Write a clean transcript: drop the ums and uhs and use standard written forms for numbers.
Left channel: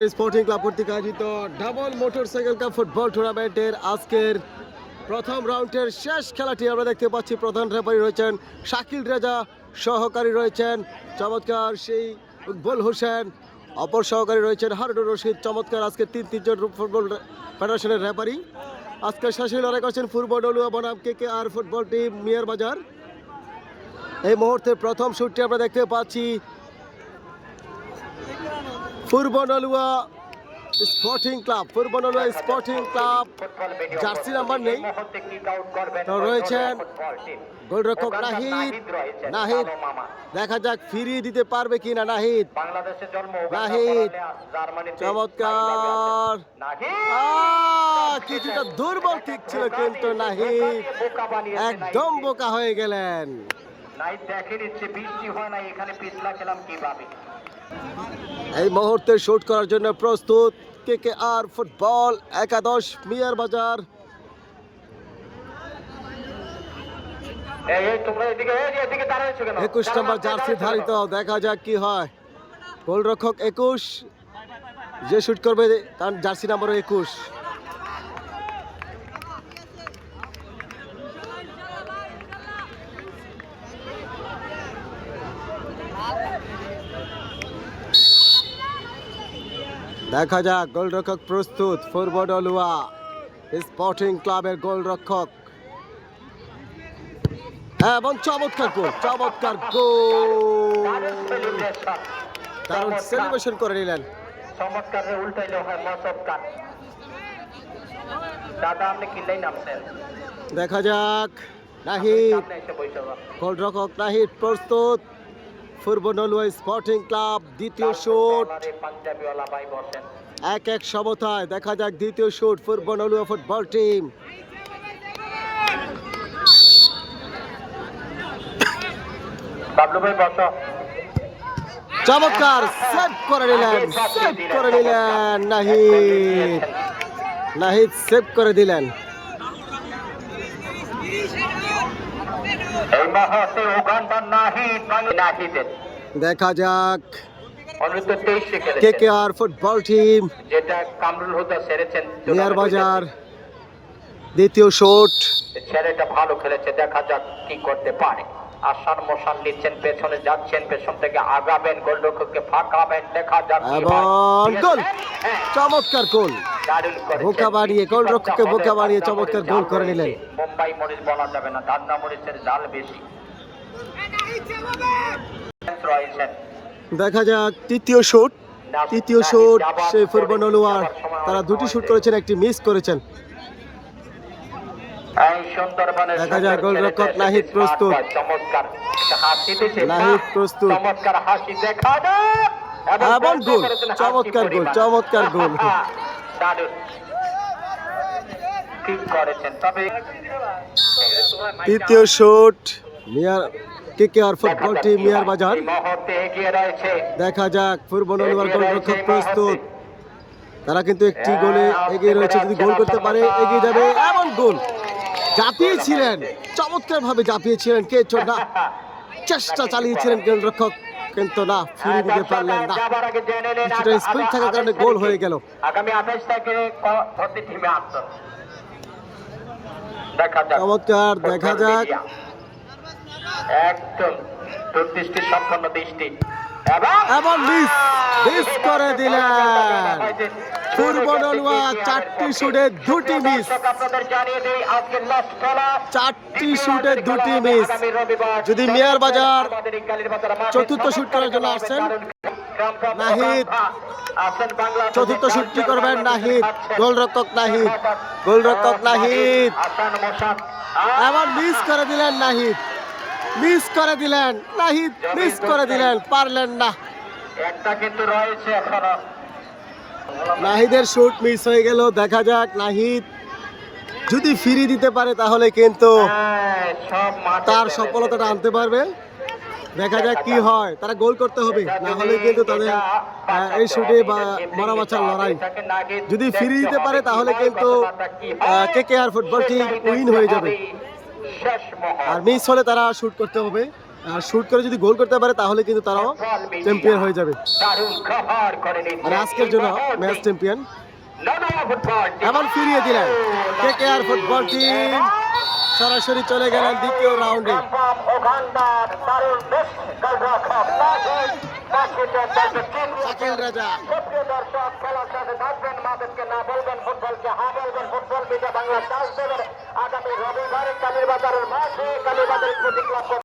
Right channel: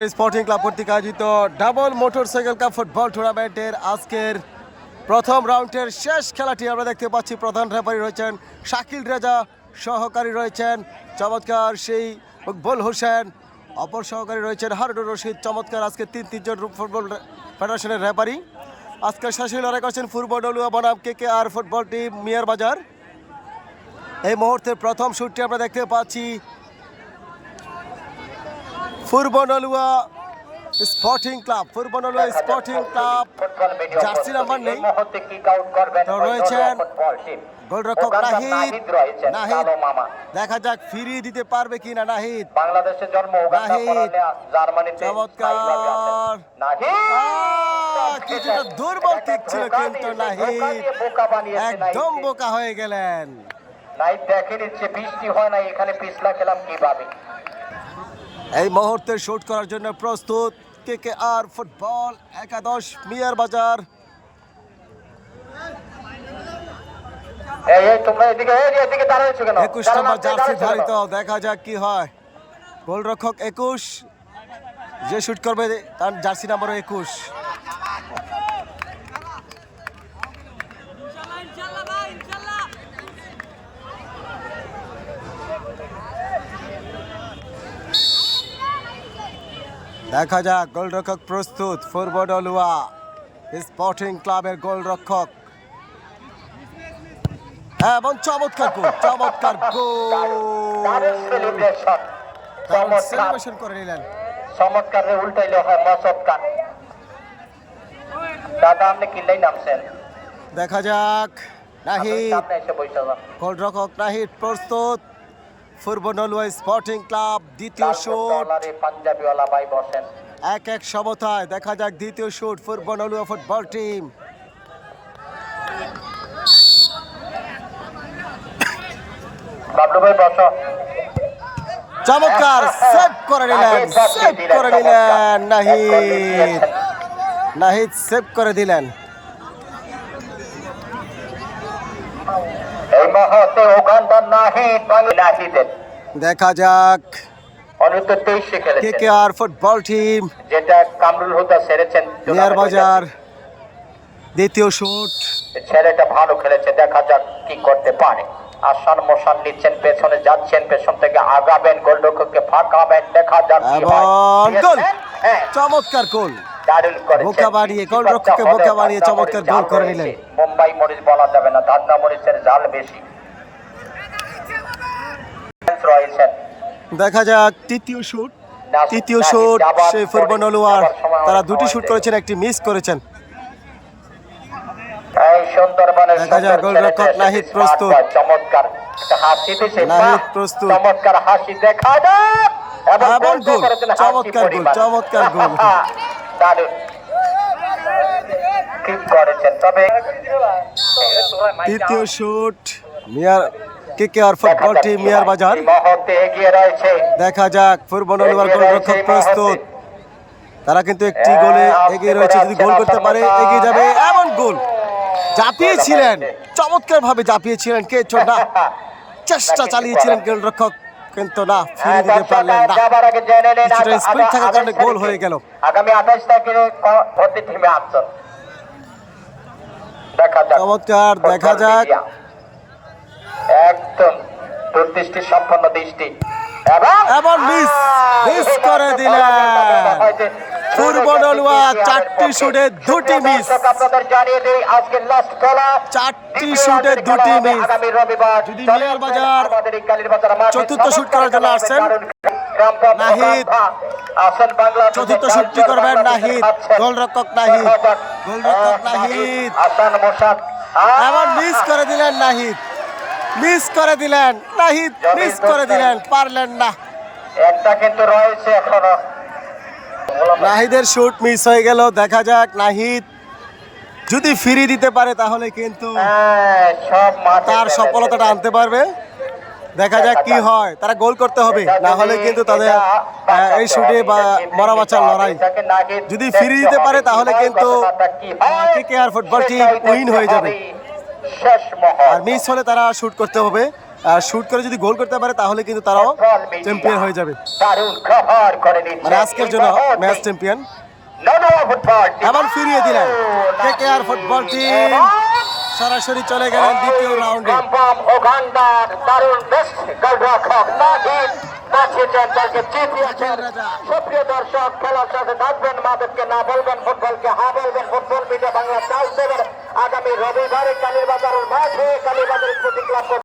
Sporting club কর্তৃক আয়োজিত double motorcycle cup football টুর্নামেন্টের আজকের প্রথম রাউন্ডের শেষ খেলাটি আমরা দেখতে পাচ্ছি। প্রধান রেফারি রয়েছেন শাকিল রেজা, সহকারী রয়েছেন চমৎকার সেই মকবুল হোসেন, অপর সহকারী রয়েছেন হারুনুর রশিদ। চমৎকার আজকে তিনজন ফুটবল ফেডারেশনের রেফারি। আজকের শেষে লড়াই করছেন পূর্ব ডলুয়া বনাম KKR ফুটবল টিম মিয়ার বাজার। এই মুহূর্তে প্রথম শুটটি আমরা দেখতে পাচ্ছি পূর্ব Nalua sporting club jersey number নেই, তো রয়েছেন গোলরক্ষক নাহিদ। দেখা যাক ফিরিয়ে দিতে পারবে কিনা নাহিদ। চমৎকার, কিছুটা দুর্বল কিক ছিল কিন্তু নাহিদ একদম বোকা হয়ে গেলেন। এই মুহূর্তে শুট করার জন্য প্রস্তুত KKR ফুটবল একাদশ মিয়ার বাজার। 21 নম্বর জার্সি ধারিত, দেখা যাক কি হয়। গোলরক্ষক 21, যে শুট করবে তার জার্সি নাম্বার 21। দেখা যাক গোলরক্ষক প্রস্তুত, পূর্ব ডলুয়া স্পোর্টিং ক্লাবের গোলরক্ষক, এবং চমৎকার গোল দারুণ সেলিব্রেশন করে নিলেন। দেখা যাক নাহিদ, গোলরক্ষক নাহিদ প্রস্তুত, পূর্ব নলুয়া স্পোর্টিং ক্লাব দ্বিতীয় শুট। 1-1 সমতায়। দেখা যাক দ্বিতীয় শুট পূর্ব নলুয়া ফুটবল টিম। চমৎকার সেভ করে নিলেন নাহিদ সেভ করে দিলেন। দেখা যাক KKR ফুটবল টিম মিয়ার বাজার দ্বিতীয় শুট। ছেলেটা ভালো খেলেছে, দেখা যাক কি করতে পারে। আসান মশান নিচ্ছেন, পেছনে যাচ্ছেন, পেছন থেকে আগাবেন, গোলরক্ষককে ফাঁকাবেন, দেখা যাক। এবং গোল, চমৎকার গোল, বোকা বানিয়ে গোলরক্ষককে বোকা বানিয়ে চমৎকার গোল করে নিলেন। মুম্বাই মরিচ বলা যাবে না, ধান্না মরিচের জাল বেশি। দেখা যাক তৃতীয় শুট সেই পূর্ব নলুয়ার, তারা দুটি শুট করেছেন, একটি মিস করেছেন। দেখা যাক গোলরক্ষক নাহিদ প্রস্তুত, এবং গোল, চমৎকার গোল। তৃতীয় শুট KKR ফুটবল টিম মিয়ার বাজার। দেখা যাক পূর্ব নলুয়ার গোলরক্ষক প্রস্তুত, তারা কিন্তু একটি গোলে এগিয়ে রয়েছে, যদি গোল করতে পারে এগিয়ে যাবে। এমন গোল, জাপিয়েছিলেন, চমৎকার ভাবে জাপিয়েছিলেন, না চেষ্টা চালিয়েছিলেন গোলরক্ষক, কিন্তু না ফিরিয়ে দিতে পারলেন না। কিছুটা স্পিড থাকার কারণে গোল হয়ে গেল। চমৎকার, দেখা যাক একদম দূরদৃষ্টি সম্পন্ন দৃষ্টি, এবং মিস করে দিলেন পূর্ব নলুয়া। 4টি শুটে 2টি মিস, 4টি শুটে 2টি মিস। যদি মিয়ার বাজার চতুর্থ শুট করার জন্য আসছেন নাহিদ, চতুর্থ শুটটি করবেন নাহিদ, গোলরক্ষক নাহিদ, এবং মিস করে দিলেন নাহিদ, পারলেন না। নাহিদের শুট মিস হয়ে গেল। দেখা যাক নাহিদ যদি ফিরিয়ে দিতে পারে তাহলে কিন্তু তার সফলতাটা আনতে পারবে। দেখা যাক কি হয়, তারা গোল করতে হবে, না হলে কিন্তু তাদের এই শুটে বা মরা বাঁচার লড়াই। যদি ফিরিয়ে দিতে পারে তাহলে কিন্তু KKR ফুটবল টিম উইন হয়ে যাবে, আর মিস হলে তারা শুট করতে হবে। শুট করে যদি গোল করতে পারে তাহলে কিন্তু তারাও চ্যাম্পিয়ন হয়ে যাবে, দারুণ কভার করে নিচ্ছে মানে আজকের জন্য ম্যাচ চ্যাম্পিয়ন। এমন ফিরিয়ে দিলেন কেকেআর ফুটবল টিম, সরাসরি চলে গেলেন দ্বিতীয় রাউন্ডে। শাকিল রাজা সুপ্রিয় দর্শক, খেলার সাথে থাকবেন, মাদেরকে না বলবেন, ফুটবলকে হা